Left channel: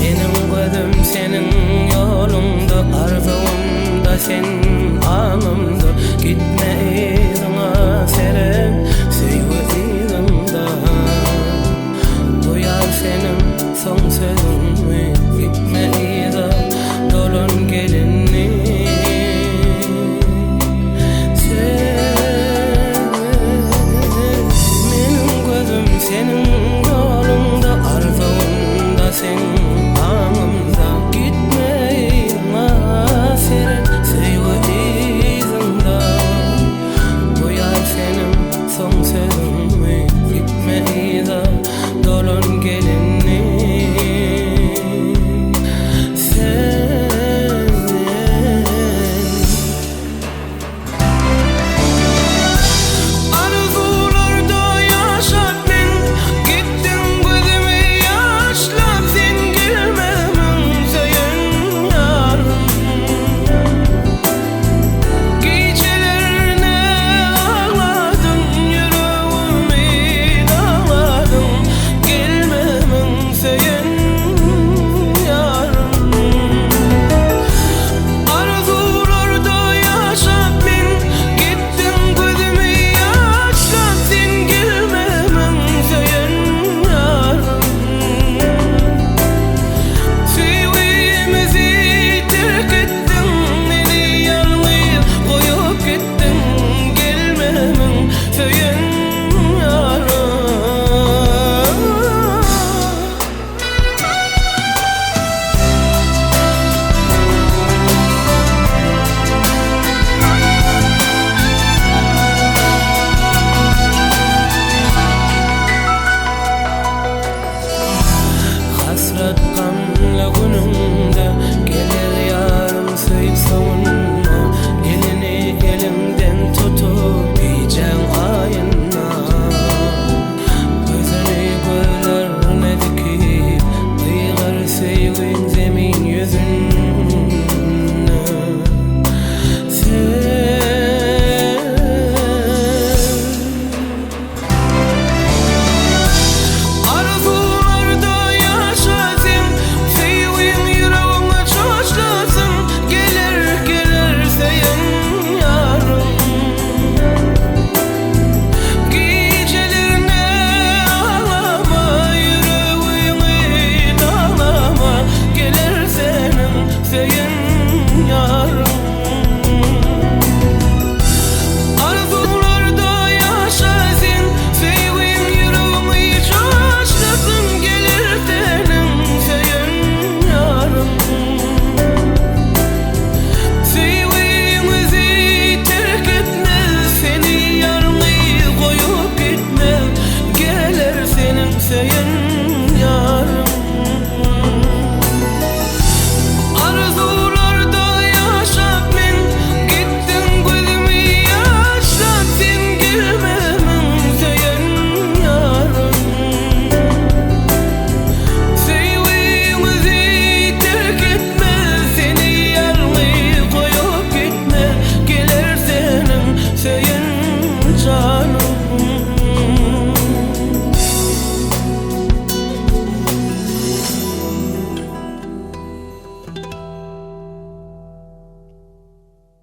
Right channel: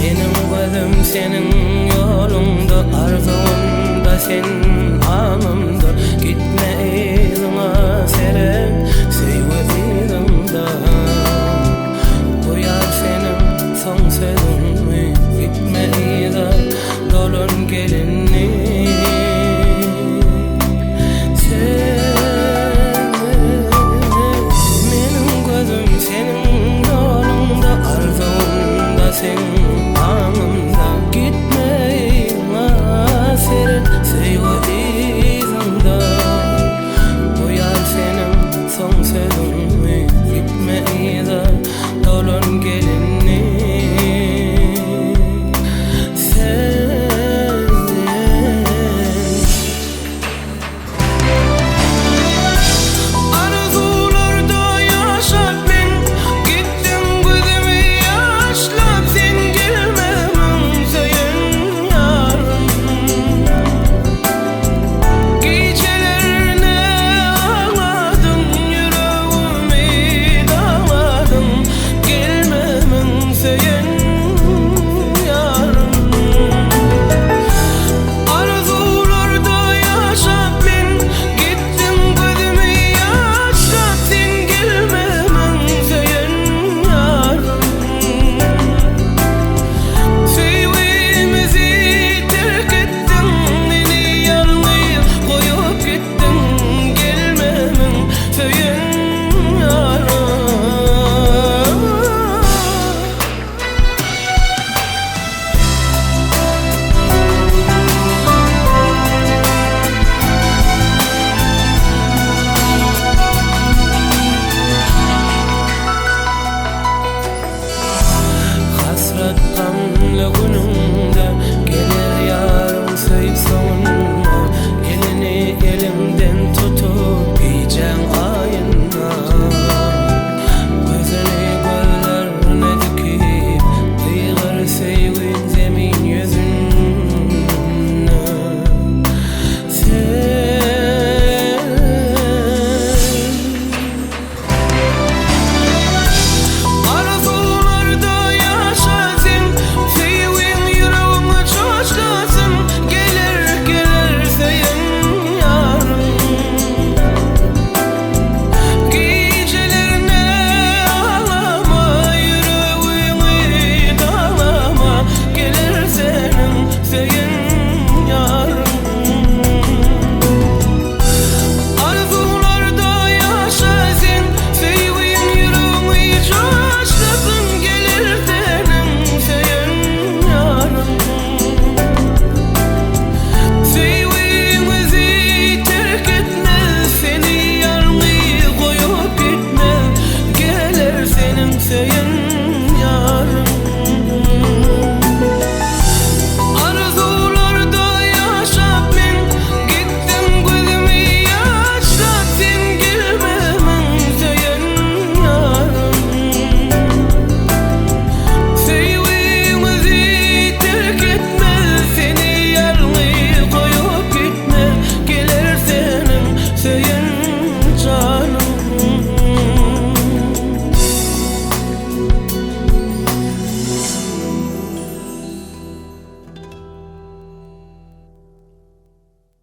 Benim gözüm senin yolunda, arzumda sen anımda. Gitme izına serem, sevgi izimda. Bu yar senin son sözün mü? Gitme iza dolun gelinni. Benim gözüm senin yolunda, arzumda sen anımda. Gitme izına serem, sevgi izimda. Bu yar senin son sözün mü? Gitme iza dolun gelinni. Hasret kanlı günümde gelir yarım söyüp sonuna. Elini elimden tutup yiyeceğim ayın